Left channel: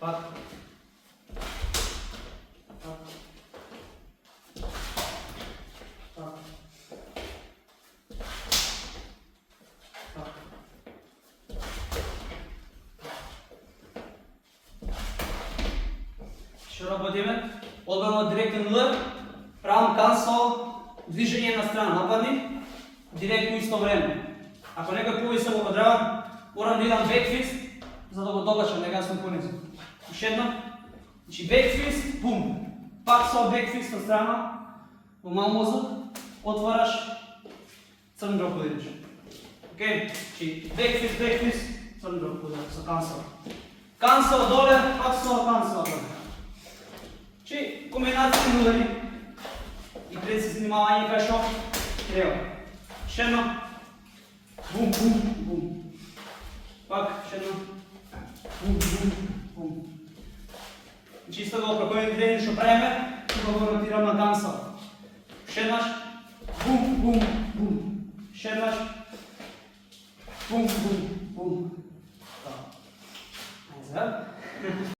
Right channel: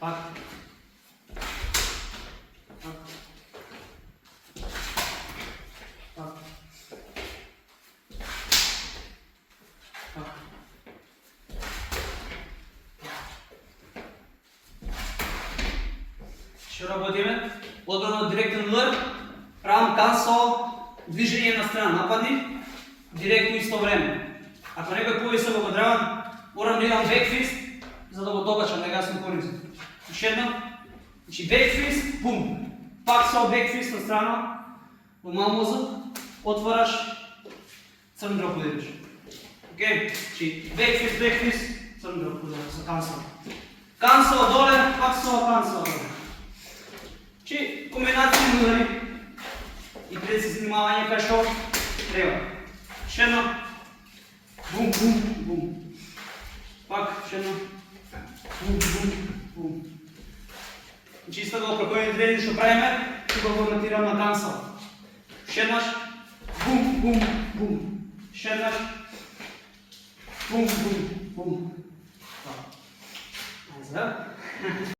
Пак. Пак. Пак. Пак. Ще работиме. Одбрано директен удар. Правам кансо, движение на страна. Нападни. Директно исто време. Ако некој повисоко го државам, морам да имам бекфист, за да го докачам, да гасам коренци. Уште едно. Значи бекфист, бум. Пак со бекфист на страна, во мал мозок, отвораш, црн дроп удираш. Океј? Значи бекфист, црн дроп удираш со кансо. Кансо доле, пак со кансо доле. Значи комбинацијни удари и прецизни внимавање кај што треба. Уште едно. Бум, бум, бум. Пак, ще едно. Бум, бум, бум. Значи исто го прекојен тренинг што правиме, ќе го монтирам на данса. Ще еднаш. Бум, бум, бум. Ще еднаш. Бум, бум, бум.